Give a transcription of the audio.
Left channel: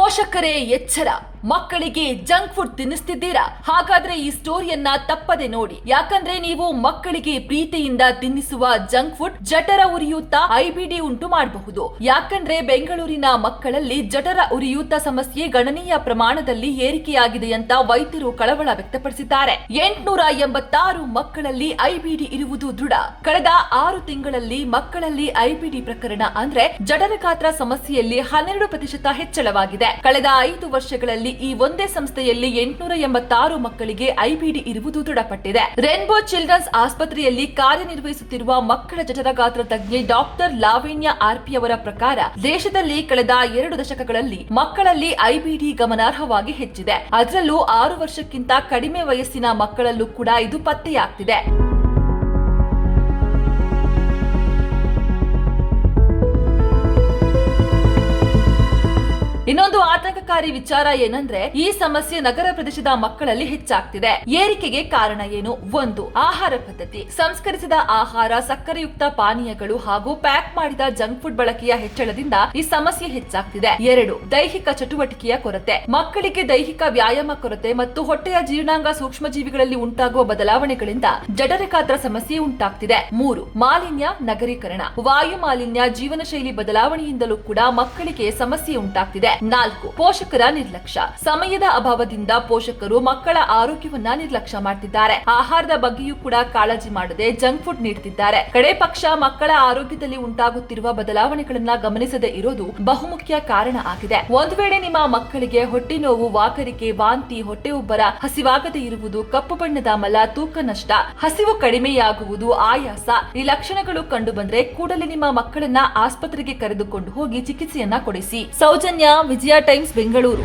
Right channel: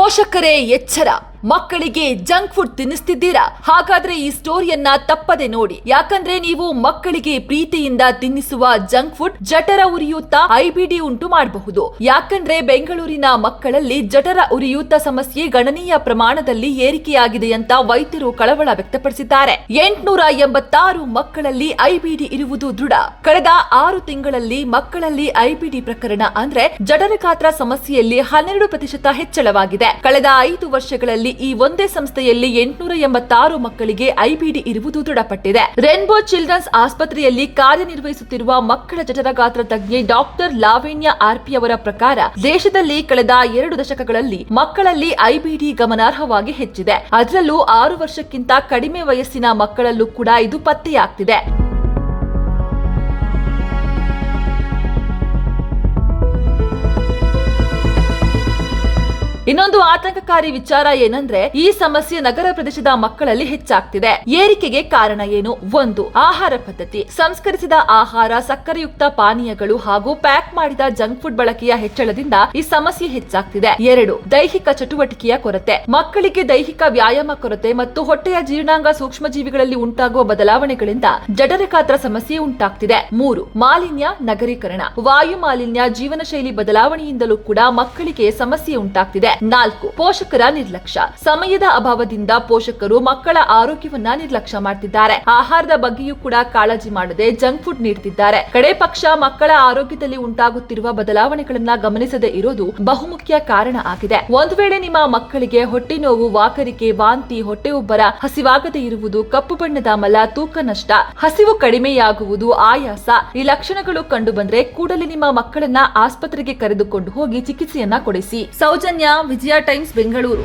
ಪೋಷಕರೇ ಎಚ್ಚರ, ಮಕ್ಕಳಿಗೆ junk food ತಿನ್ನಿಸ್ತಿದ್ದೀರಾ? ಹಾಗಾದ್ರೆ ಈ ಸ್ಟೋರಿಯನ್ನ ತಪ್ಪದೆ ನೋಡಿ. ಯಾಕಂದ್ರೆ ನೀವು ಮಕ್ಕಳಿಗೆ ಪ್ರೀತಿಯಿಂದ ತಿನ್ನಿಸುವ ಜಂಕ್ ಫುಡ್ ಜಠರ ಉರಿಯೂತ, ಐಬಿಡಿ ಉಂಟು ಮಾಡಬಹುದು. ಯಾಕಂದ್ರೆ ಬೆಂಗಳೂರಿನ ಮಕ್ಕಳಲ್ಲಿ ಜಠರ ಉರಿಯೂತ ಸಮಸ್ಯೆ ಗಣನೀಯ ಪ್ರಮಾಣದಲ್ಲಿ ಏರಿಕೆಯಾಗಿದೆ ಅಂತ ವೈದ್ಯರು ಕಳವಳ ವ್ಯಕ್ತಪಡಿಸಿದ್ದಾರೆ. 886 ಮಕ್ಕಳಲ್ಲಿ ಐಬಿಡಿ ಇರುವುದು ದೃಢ. ಕಳೆದ 6 ತಿಂಗಳಲ್ಲಿ ಮಕ್ಕಳಲ್ಲಿ ಐಬಿಡಿ ಪ್ರಕರಣ ಅಂದ್ರೆ ಜಠರ ಗಾತ್ರ ಸಮಸ್ಯೆಯಲ್ಲಿ 12% ಹೆಚ್ಚಳವಾಗಿದೆ. ಕಳೆದ 5 ವರ್ಷಗಳಲ್ಲಿ ಈ ಒಂದೇ ಸಂಸ್ಥೆಯಲ್ಲಿ 886 ಮಕ್ಕಳಿಗೆ ಐಬಿಡಿ ಇರುವುದು ದೃಢಪಟ್ಟಿದೆ. ರೇನ್ಬೋ ಚಿಲ್ಡ್ರನ್ಸ್ ಆಸ್ಪತ್ರೆಯಲ್ಲಿ ಕಾರ್ಯನಿರ್ವಹಿಸುತ್ತಿರುವ ಮಕ್ಕಳ ಜಠರ ಗಾತ್ರ ತಜ್ಞೆ ಡಾಕ್ಟರ್ ಲಾವಣ್ಯ ಆರ್ಪಿ ಅವರ ಪ್ರಕಾರ ದೇಶದಲ್ಲಿ ಕಳೆದ 2 ದಶಕಗಳಲ್ಲಿ ಮಕ್ಕಳಲ್ಲಿ ಐಬಿಡಿ ಗಮನಾರ್ಹವಾಗಿ ಹೆಚ್ಚಿದೆ. ಅದರಲ್ಲೂ 6 ವರ್ಷಕ್ಕಿಂತ ಕಡಿಮೆ ವಯಸ್ಸಿನ ಮಕ್ಕಳಲ್ಲೂ ಕೂಡ ಇದು ಪತ್ತೆಯಾಗ್ತಿದೆ. ಇನ್ನೊಂದು ಆತಂಕಕಾರಿ ವಿಚಾರ ಏನಂದ್ರೆ ಈ ಸಮಸ್ಯೆ ನಗರ ಪ್ರದೇಶದ ಮಕ್ಕಳಲ್ಲಿ ಹೆಚ್ಚಾಗ್ತಿದೆ. ಏರಿಕೆಗೆ ಕಾರಣ ಏನು? 1. ಆಹಾರ ಪದ್ಧತಿ. ಸಂಸ್ಕರಿಸಿದ ಆಹಾರ, ಸಕ್ಕರೆಯುಕ್ತ ಪಾನೀಯಗಳು ಹಾಗೂ ಪ್ಯಾಕ್ ಮಾಡಿದ ಜಂಕ್ ಫುಡ್ ಬಳಕೆಯ ಹೆಚ್ಚಳದಿಂದ ಈ ಸಮಸ್ಯೆ ಹೆಚ್ಚಾಗ್ತಿದೆ. 2. ದೈಹಿಕ ಚಟುವಟಿಕೆಯ ಕೊರತೆ. ಮಕ್ಕಳಿಗೆ ದೈಹಿಕ ವ್ಯಾಯಾಮ ಕೊರತೆ ಮತ್ತು ಹೊಟ್ಟೆಯ ಜೀರ್ಣಾಂಗ ಸೂಕ್ಷ್ಮಜೀವಿಗಳಲ್ಲಿ ಉಂಟಾಗುವ ಬದಲಾವಣೆಗಳಿಂದ ಜಠರ ಗಾತ್ರ ಸಮಸ್ಯೆ ಉಂಟಾಗ್ತಿದೆ. 3. ಮಾಲಿನ್ಯ, ನಗರೀಕರಣ. ವಾಯು ಮಾಲಿನ್ಯ, ಜೀವನ ಶೈಲಿ ಬದಲಾವಣೆಯಿಂದಲೂ ಕೂಡ ಮಕ್ಕಳಿಗೆ ಸಮಸ್ಯೆ ಉಂಟಾಗ್ತಿದೆ. 4. ಪೋಷಕರ ನಿರ್ಲಕ್ಷ್ಯ. ಸಮಯದ ಅಭಾವದಿಂದ ಪೋಷಕರು ಮಕ್ಕಳ ಆರೋಗ್ಯವನ್ನ ನಿರ್ಲಕ್ಷ್ಯ ಮಾಡ್ತಿದ್ದಾರೆ. ಆಹಾರದ ಬಗ್ಗೆಯೂ ಕೂಡ ಕಾಳಜಿ ಮಾಡದೆ ಜಂಕ್ ಫುಡ್ ನೀಡುತ್ತಿದ್ದಾರೆ. ಕಡೆ ಪಕ್ಷ ಮಕ್ಕಳ ಆರೋಗ್ಯದಲ್ಲಿ ಉಂಟಾಗುತ್ತಿರುವ ಬದಲಾವಣೆಗಳನ್ನ ಗಮನಿಸದೆ ಇರೋದು ಬಹುಮುಖ್ಯ ಕಾರಣ ಆಗಿದೆ. ಒಂದು ವೇಳೆ ನಿಮ್ಮ ಮಕ್ಕಳಿಗೆ ಹೊಟ್ಟೆ ನೋವು, ವಾಕರಿಕೆ, ವಾಂತಿ, ಹೊಟ್ಟೆ ಉಬ್ಬರ, ಹಸಿವಾಗದೆ ಇರುವುದು, ಕಪ್ಪು ಬಣ್ಣದ ಮಲ, ತೂಕ ನಷ್ಟ, ಹಸಿವು ಕಡಿಮೆಯಾಗುವುದು, ಆಯಾಸ ಈ ಲಕ್ಷಣಗಳು ಕಂಡು ಬಂದ್ರೆ ಕೂಡಲೇ ನಿಮ್ಮ ಮಕ್ಕಳನ್ನ ಆಸ್ಪತ್ರೆಗೆ ಕರೆದುಕೊಂಡು ಹೋಗಿ ಚಿಕಿತ್ಸೆಯನ್ನ ಕೊಡಿಸಿ. ಸೌಜನ್ಯ, ವಿಜಯ ಟೈಮ್ಸ್, ಬೆಂಗಳೂರು.